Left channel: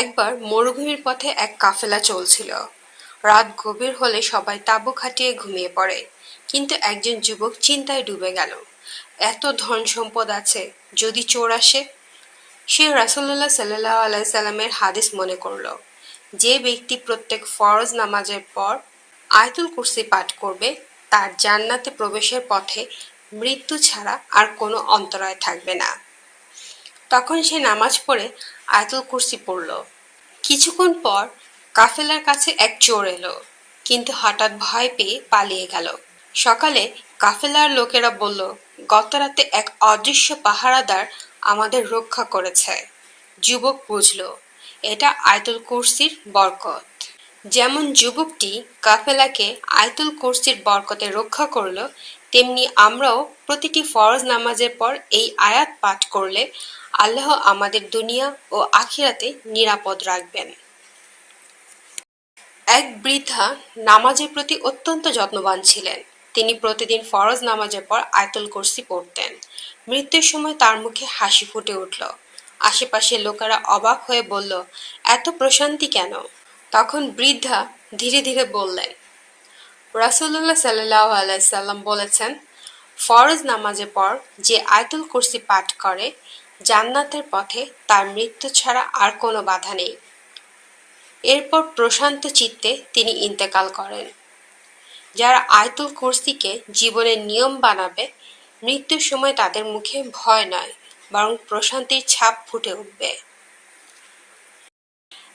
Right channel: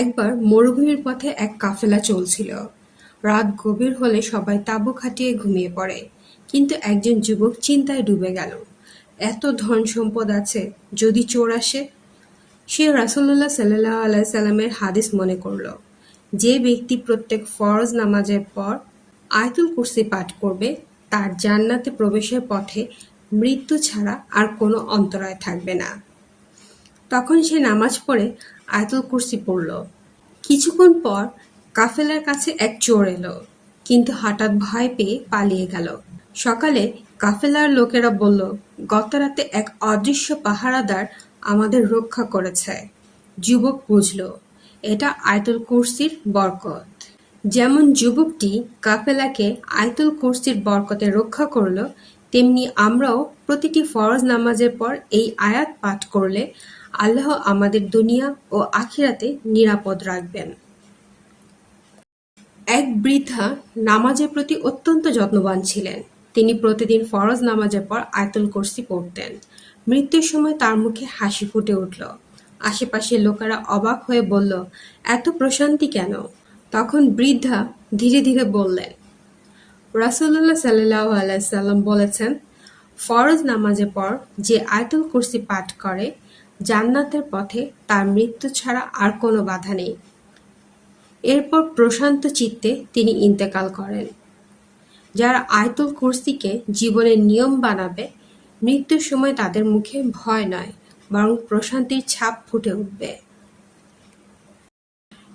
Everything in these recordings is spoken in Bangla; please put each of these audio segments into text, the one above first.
একবার মরুভূমির পথে এক কাফেলা চলছিল। রাত গভীর হলে সবাই তাঁবু খাটিয়ে ঘুমিয়ে পড়ে। কিন্তু একজন যুবক চিন্তায় ডুবে গেল। এত ধন সম্পদ আছে, যদি চোর আসে? সে রাসুল্লাহ সাল্লাহ আলাইসাল্লামের হাদিস মনে করল, যে ব্যক্তি প্রত্যেক ফরজ নামাজের পর আয়তুল কুরসি পাঠ করবে, তার জান্নাতে প্রবেশের পথে মৃত্যু ছাড়া আর কোনো অন্তরায় থাকবে না। তখন সে নামাজ পড়ে আয়তুল কুরসি পড়ল। কিছুক্ষণ পর কাফেলার কাছে এক চোর এলো, কিন্তু হঠাৎ ভয় পেয়ে পালিয়ে গেল। সকালে কাফেলার লোকেরা বলল, গত রাতে এক অদৃশ্য পাহারাদার আমাদের রক্ষা করেছে। যুবক বুঝল, এটা আয়তুল কুরসির বরকত। যেমন যুবকটি কাফেলাকে আয়তুল কুরসির বরকতে রক্ষা করল, তেমনি আমরাও প্রতিটি ফরজ নামাজের পর এই আয়াত পাঠ করলে আল্লাহ আমাদের দুনিয়া ও আখিরাতে নিরাপদ রাখবেন। এক বৃদ্ধা নামাজের প্রতি অত্যন্ত যত্নবান ছিলেন। তিনি প্রতিদিন ফরজ নামাজের পর আয়তুল কুরসি পড়তেন। মৃত্যুর সময় তার মুখে হাসি ফুটে উঠল। আশেপাশের লোকেরা অবাক হয়ে বলল, এত প্রশান্তি কেন? তখন বৃদ্ধা ধীরে ধীরে বললেন রাসুল্লাহ সাল্লাহ আলাইসাল্লাম বলেছেন, ফরজ নামাজের পর যে আয়তুল কুরসি পাঠ করে জান্নাতের পথে তার মৃত্যু ছাড়া আর কোনো বাধা নেই। এরপর প্রশান্ত চিত্তে তিনি ইন্তেকাল করেন। যারা আয়তুল কুরসিকে জীবনের নিয়ম বানাবে, মৃত্যুর সময় তাদের মুখে ভয় নয়, বরং প্রশান্তির ছাপ ফুটে উঠবে।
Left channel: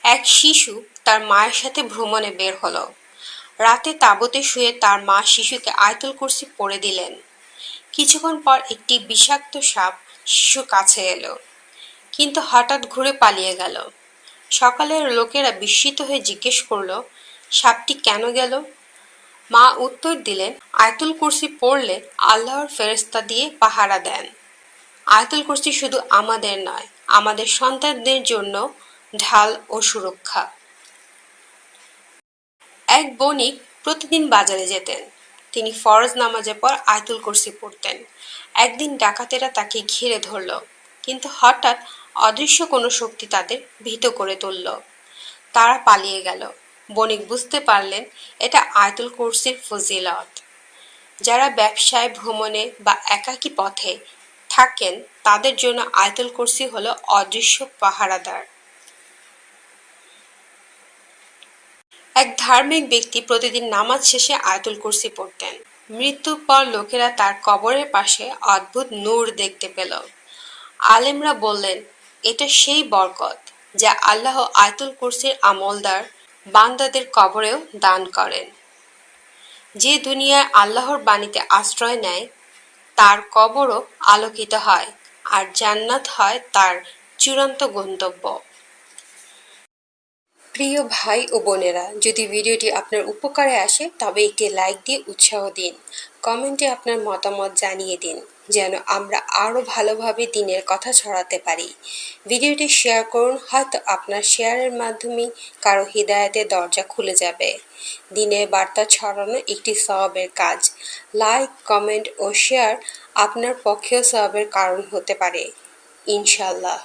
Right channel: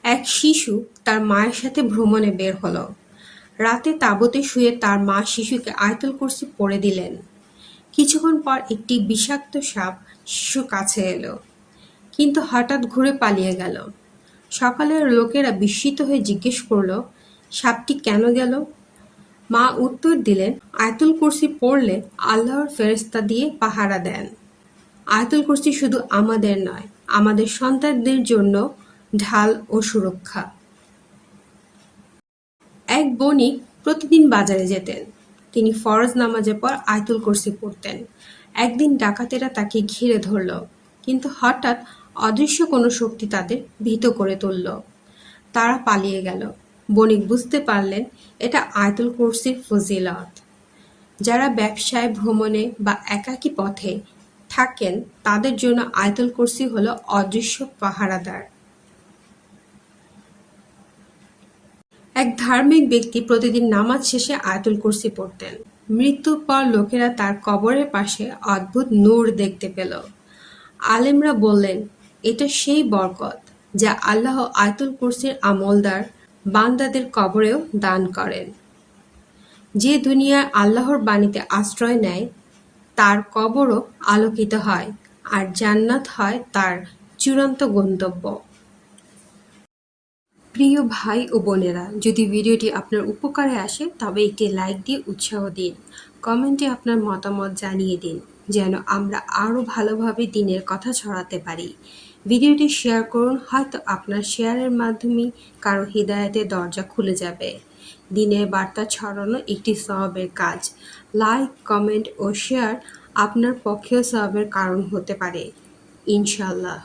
এক শিশু তার মায়ের সাথে ভ্রমণে বের হলো। রাতে তাবতে শুয়ে তার মা শিশুকে আয়তুল কুরসি পড়ে দিলেন। কিছুক্ষণ পর একটি বিষাক্ত সাপ কাছে এলো। কিন্তু হঠাৎ ঘুরে পালিয়ে গেল। সকালের লোকেরা বিস্মিত হয়ে জিজ্ঞেস করল, সাপটি কেন গেল? মা উত্তর দিলেন, আয়তুল কুরসি পড়লে আল্লাহর ফেরেস্তা দিয়ে পাহারা দেন। আয়তুল কুরসি শুধু আমাদের নয়, আমাদের সন্তানদের জন্য ঢাল ও সুরক্ষা। এক বণিক প্রতিদিন বাজারে যেতেন। তিনি ফরজ নামাজের পর আয়তুল কুরসি পড়তেন। একদিন ডাকাতেরা তাকে ঘিরে ধরল, কিন্তু হঠাৎ অদৃশ্য কোনো শক্তি তাদের ভীত করে তুলল। তারা পালিয়ে গেল। বণিক বুঝতে পারলেন এটা আয়তুল কুরসির ফজিলত। যারা ব্যবসায়, ভ্রমণে বা একাকী পথে থাকেন, তাদের জন্য আয়তুল কুরসি হলো অদৃশ্য পাহারাদার। এক ধার্মিক ব্যক্তি প্রতিদিন নামাজ শেষে আয়তুল কুরসি পড়তেন। মৃত্যুর পর লোকেরা তার কবরের পাশে অদ্ভুত নূর দেখতে পেল। আলেমরা বললেন, এটা সেই বরকত যা আল্লাহ আয়তুল কুরসির আমলদার বান্দাদের কবরেও দান করেন। যে দুনিয়ায় আল্লাহর বাণীতে আশ্রয় নেয়, তার কবরও আলোকিত হয় আর জান্নাত হয় তার চূড়ান্ত গন্তব্য। প্রিয় ভাই ও বোনেরা, যদি ভিডিওটি আপনার উপকারে আসে, তবে একটি লাইক দিয়ে উৎসাহ দিন। কমেন্টে আপনার মতামত জানিয়ে দিন, যেন আমরা আরও ভালোভাবে দিনের কথা ছড়াতে পারি। ভিডিওটি শেয়ার করুন, হয়তো আপনার শেয়ারের মাধ্যমেই কারও হৃদায়তের দরজা খুলে যাবে। দিনের বার্তা ছড়ানো একটি সবাবের কাজ। লাইক, কমেন্ট ও শেয়ার আপনার পক্ষেও সবাবের কারণ হতে পারে। ইনশাল্লাহ